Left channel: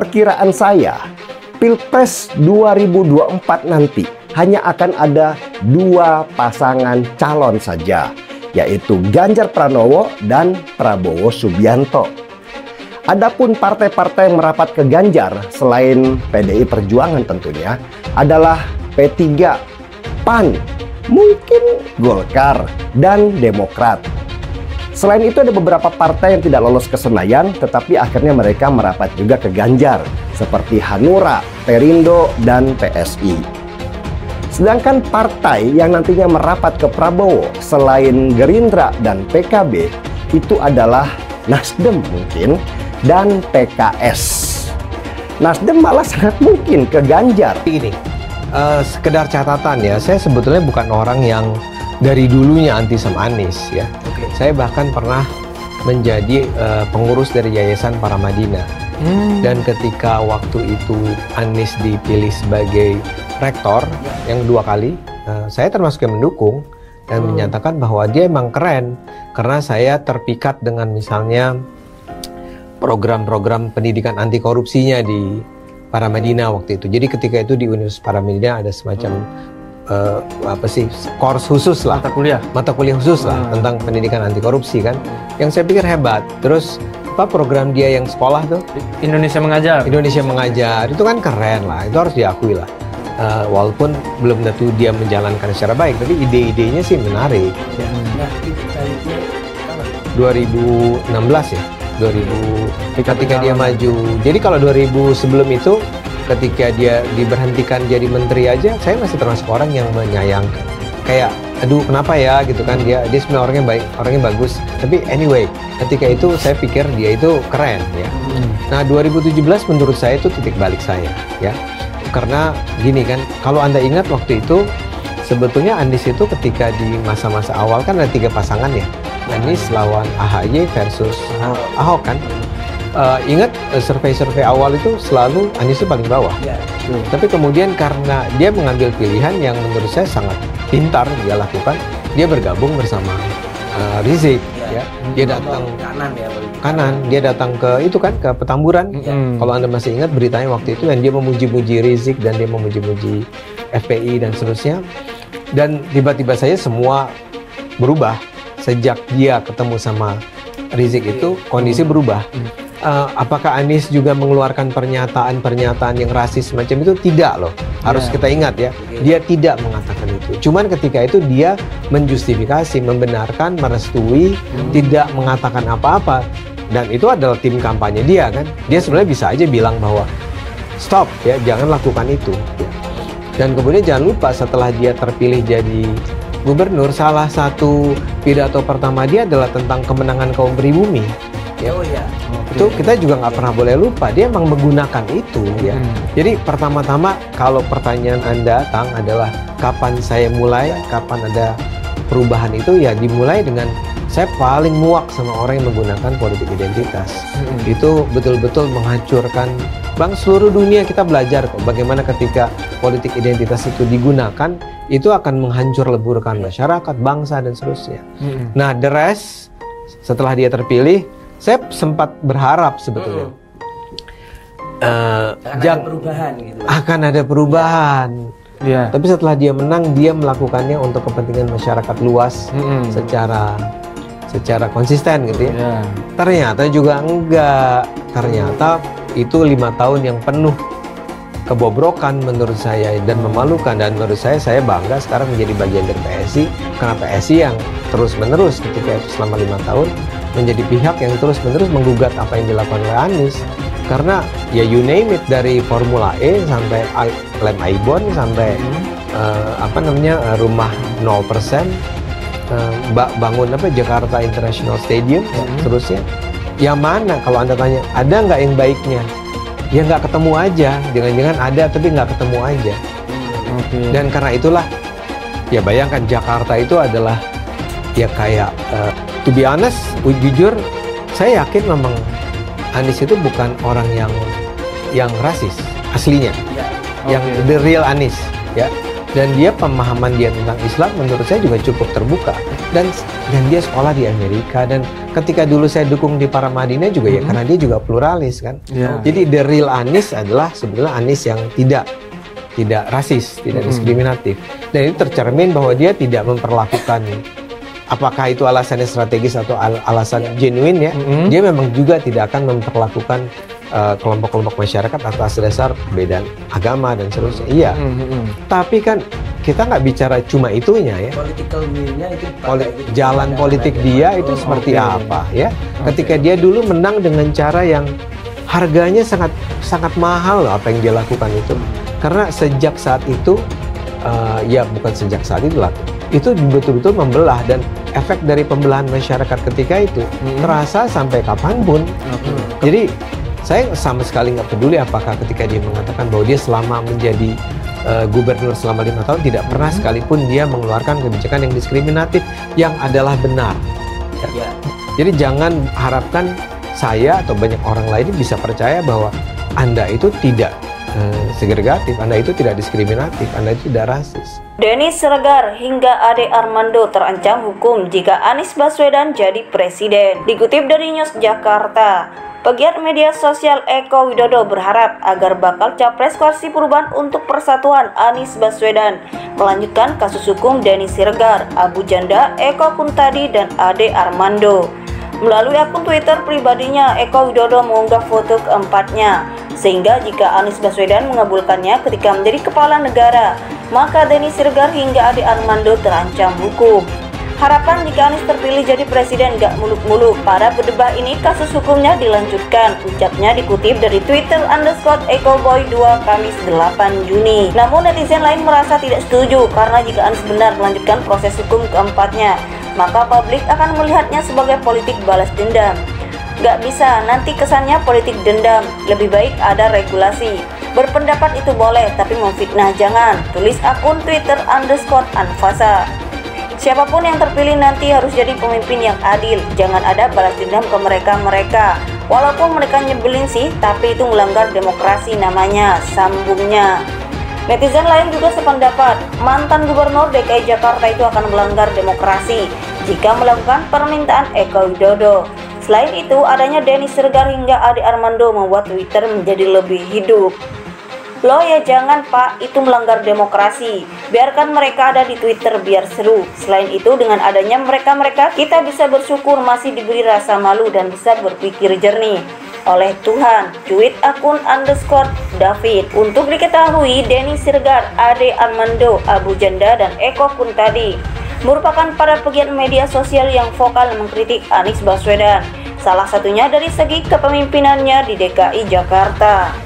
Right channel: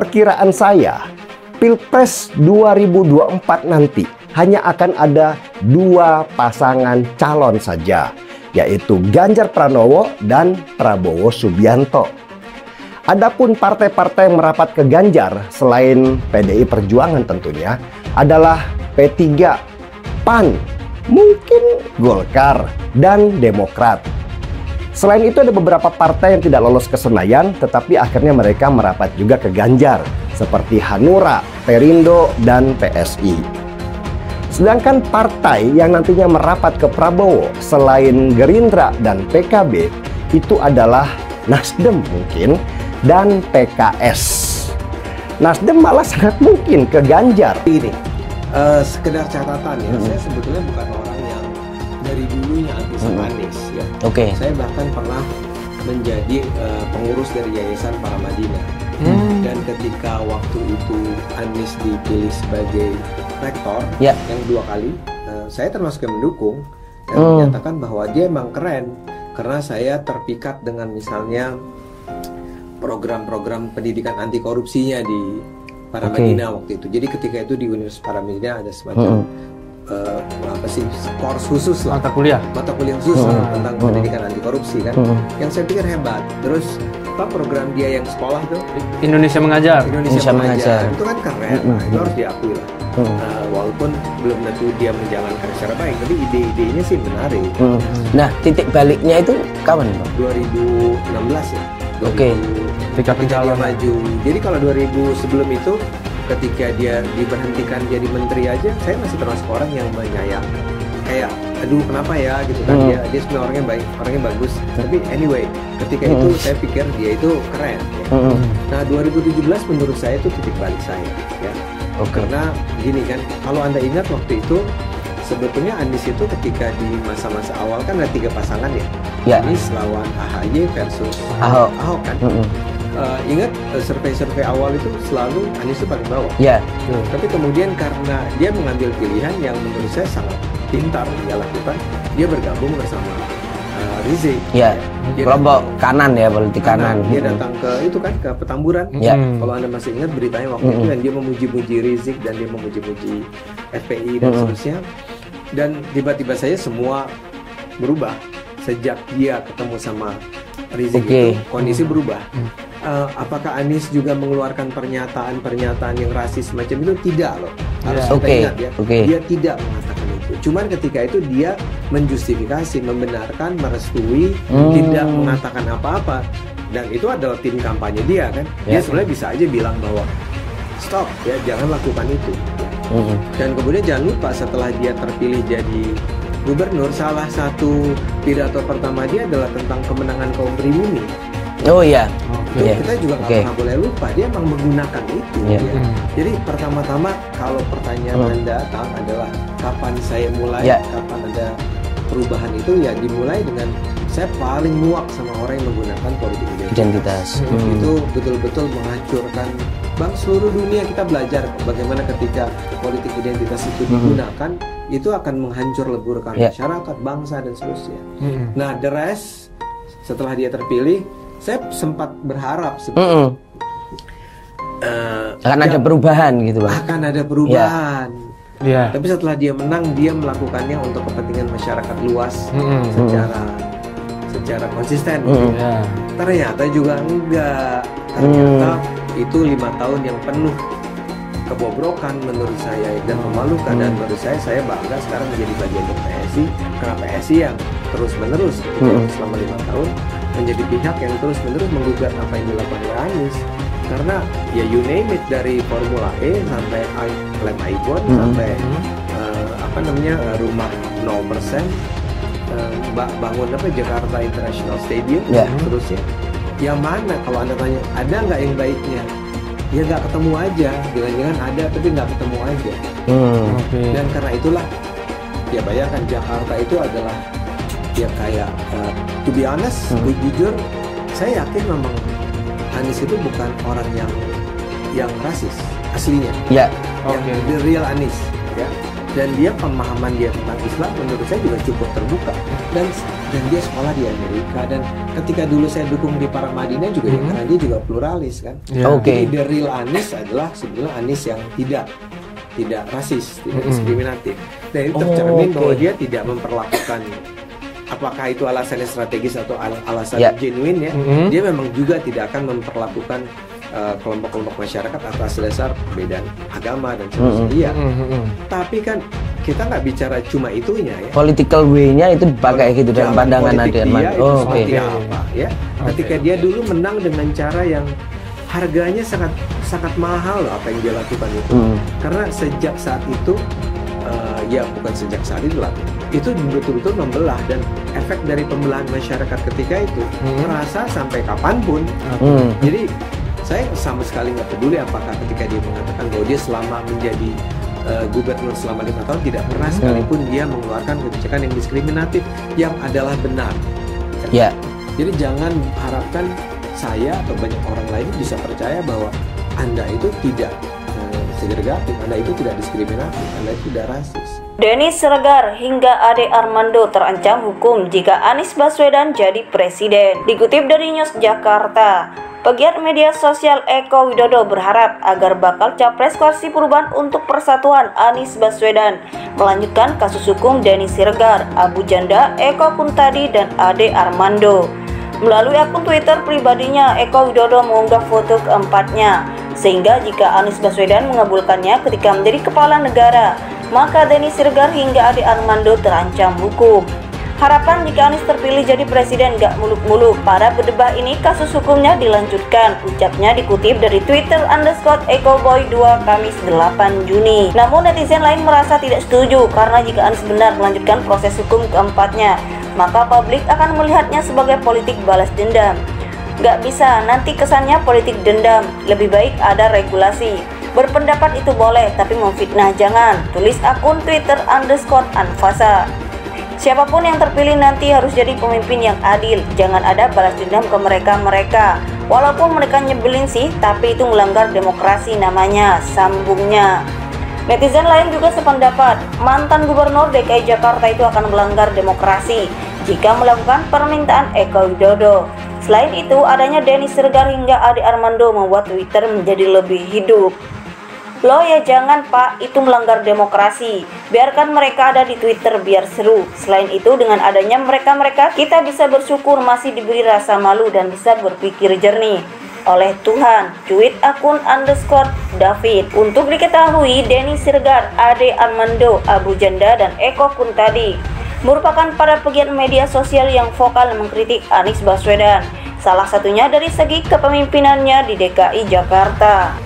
perkiraan saya, Pilpres 2024 nanti hanya akan ada 2 pasangan calon saja, yaitu Ganjar Pranowo dan Prabowo Subianto. Adapun partai-partai yang merapat ke Ganjar selain PDI Perjuangan tentunya adalah P3, PAN, mungkin Golkar, dan Demokrat. Selain itu ada beberapa partai yang tidak lolos ke Senayan tetapi akhirnya mereka merapat juga ke Ganjar seperti Hanura, Perindo, dan PSI. Sedangkan partai yang nantinya merapat ke Prabowo selain Gerindra dan PKB itu adalah Nasdem mungkin dan PKS. Nasdem malah sangat mungkin ke Ganjar. Ini sekedar catatan ya, saya sebetulnya bukan orang yang dari dulunya anti sama Anies ya. Oke. Saya bahkan pernah menjadi pengurus dari Yayasan Paramadina. Dan ketika waktu itu Anies dipilih sebagai rektor yang 2 kali, saya termasuk yang mendukung dan menyatakan bahwa dia emang keren karena saya terpikat dengan misalnya program-program pendidikan anti korupsinya di Paramadina waktu itu. Jadi ketika itu di Universitas Paramadina ada semacam course khusus lah, mata kuliah khusus lah tentang pendidikan anti korupsi kan, yang saya pikir hebat. Terus program dia yang sekolah tuh Indonesia Mengajar itu kan keren lah, itu harus diakui lah. Walaupun belum tentu dia menjalankan secara baik, tapi ide-idenya sih menarik. Nah, titik baliknya itu kapan? 2016 ya. Ketika dia maju. Jadi kalau 2000 sebelum itu, ketika dia diberhentikan jadi menteri aja, saya masih termasuk orang yang menyayangkan. Kayak, aduh kenapa ya gitu kan, dia sebenarnya orangnya baik, orangnya bagus. Tapi anyway, ketika itu saya pikir dia itu keren ya. Nah 2017 menurut saya itu titik balik saya ya. Karena gini kan, kalau Anda ingat waktu itu, sebetulnya Anies itu ketika di masa-masa awal kan ada 3 pasangan ya. Anies lawan AHY versus Ahok kan. Ingat survei-survei awal itu selalu Anies itu paling bawah. Tapi kemudian karena dia mengambil pilihan yang menurut saya sangat pintar dia lakukan, dia bergabung bersama Rizik. Dia kelompok kanan ya, politik kanan. Dia datang ke itu kan, ke Petamburan. Kalau Anda masih ingat beritanya waktu itu, yang dia memuji-muji Rizik dan dia memuji-muji FPI dan seterusnya. Dan tiba-tiba saja semua berubah sejak dia ketemu sama Rizik itu kondisi berubah. Apakah Anies juga mengeluarkan pernyataan-pernyataan yang rasis semacam itu? Tidak loh. Harus kita ingat ya. Dia tidak mengatakan itu. Cuman ketika itu dia menjustifikasi, membenarkan, merestui, tidak mengatakan apa-apa. Dan itu adalah tim kampanye dia kan. Dia sebenarnya bisa aja bilang bahwa stop ya, jangan lakukan itu. Dan kemudian jangan lupa setelah dia terpilih jadi gubernur, salah satu pidato pertama dia adalah tentang kemenangan kaum pribumi. Itu kita juga nggak pernah boleh lupa, dia emang menggunakan itu ya. Jadi pertama-tama kalau pertanyaan Anda datang adalah kapan saya mulai, kapan ada perubahan itu, ya dimulai dengan saya paling muak sama orang yang menggunakan politik identitas. Itu betul-betul menghancurkan seluruh dunia. Kita belajar bagaimana ketika politik identitas itu digunakan, itu akan menghancur leburkan masyarakat, bangsa, dan seterusnya. Nah, the rest, setelah dia terpilih, saya sempat berharap sebetulnya akan ada perubahan gitu Pak. Akan ada perubahan. Tapi setelah dia menang, dia melakukannya untuk kepentingan masyarakat luas secara konsisten gitu. Ternyata juga enggak. Ternyata itu 5 tahun yang penuh kebobrokan menurut saya dan memalukan, dan menurut saya bangga sekarang menjadi bagian dari PSI, karena PSI yang terus-menerus selama 5 tahun menjadi pihak yang terus-menerus menggugat apa yang dilakukan oleh Anies. Karena ya you name it, dari Formula E sampai Lem Aibon sampai rumah 0%, bangun Jakarta International Stadium, terus ya. Yang mana kalau Anda tanya, ada nggak yang baiknya? Ya nggak ketemu aja, jangan-jangan ada tapi nggak ketemu aja. Dan karena itulah, ya bayangkan Jakarta itu adalah ya kayak to be honest, jujur, saya yakin memang Anies itu bukan orang yang rasis aslinya. Yang the real Anies, ya. Dan dia pemahaman dia tentang Islam menurut saya juga cukup terbuka. Dan dia sekolah di Amerika, dan ketika dulu saya dukung di Paramadina juga ya karena dia juga pluralis kan. Jadi the real Anies adalah sebenarnya Anies yang tidak rasis, tidak diskriminatif. Dan itu tercermin bahwa dia tidak memperlakukan, apakah itu alasannya strategis atau alasan genuine ya. Dia memang juga tidak akan memperlakukan kelompok-kelompok masyarakat atas dasar perbedaan agama dan seterusnya. Tapi kan kita nggak bicara cuma itunya ya. Political way-nya itu pakai gitu. Jalan politik dia itu seperti apa ya. Ketika dia dulu menang dengan cara yang harganya sangat mahal loh apa yang dia lakukan itu. Karena sejak saat itu, ya bukan sejak saat itu lah, itu betul-betul membelah, dan efek dari pembelahan masyarakat ketika itu terasa sampai kapanpun. Jadi saya sama sekali nggak peduli apakah ketika dia mengatakan bahwa dia selama menjadi gubernur selama 5 tahun tidak pernah sekalipun dia mengeluarkan kebijakan yang diskriminatif yang adalah benar. Ya. Jadi jangan harapkan saya atau banyak orang lain bisa percaya bahwa Anda itu tidak segregatif, Anda itu tidak diskriminatif, Anda itu tidak rasis. Denny Siregar hingga Ade Armando terancam hukum jika Anies Baswedan jadi presiden. Dikutip dari News Jakarta, pegiat media sosial Eko Widodo berharap agar bakal capres Koalisi Perubahan untuk Persatuan Anies Baswedan melanjutkan kasus hukum Denny Siregar, Abu Janda, Eko Kuntadi, dan Ade Armando. Melalui akun Twitter pribadinya, Eko Widodo mengunggah foto keempatnya, sehingga jika Anies Baswedan mengabulkannya ketika menjadi kepala negara, maka Denny Siregar hingga Ade Armando terancam hukum. Harapan jika Anies terpilih jadi presiden gak muluk-muluk. Para berdebah ini kasus hukumnya dilanjutkan, ucapnya dikutip dari Twitter _EkoBoy2 Kamis 8 Juni. Namun netizen lain merasa tidak setuju karena jika Anies benar melanjutkan proses hukum keempatnya, maka publik akan melihatnya sebagai politik balas dendam. Gak bisa, nanti kesannya politik dendam. Lebih baik ada regulasi. Berpendapat itu boleh, tapi memfitnah jangan. Tulis akun Twitter _Anfasa. Siapapun yang terpilih nanti harus jadi pemimpin yang adil. Jangan ada balas dendam ke mereka. Walaupun mereka nyebelin sih, tapi itu melanggar demokrasi namanya, sambungnya. Netizen lain juga sependapat, mantan gubernur DKI Jakarta itu akan melanggar demokrasi jika melakukan permintaan Eko Widodo. Selain itu, adanya Denny Siregar hingga Ade Armando membuat Twitter menjadi lebih hidup. Loh ya jangan Pak, itu melanggar demokrasi. Biarkan mereka ada di Twitter biar seru. Selain itu, dengan adanya mereka-mereka, kita bisa bersyukur masih diberi rasa malu dan bisa berpikir jernih oleh Tuhan. Tweet akun _David. Untuk diketahui, Denny Siregar, Ade Armando, Abu Janda, dan Eko Kuntadi merupakan para pegiat media sosial yang vokal mengkritik Anies Baswedan. Salah satunya dari segi kepemimpinannya di DKI Jakarta.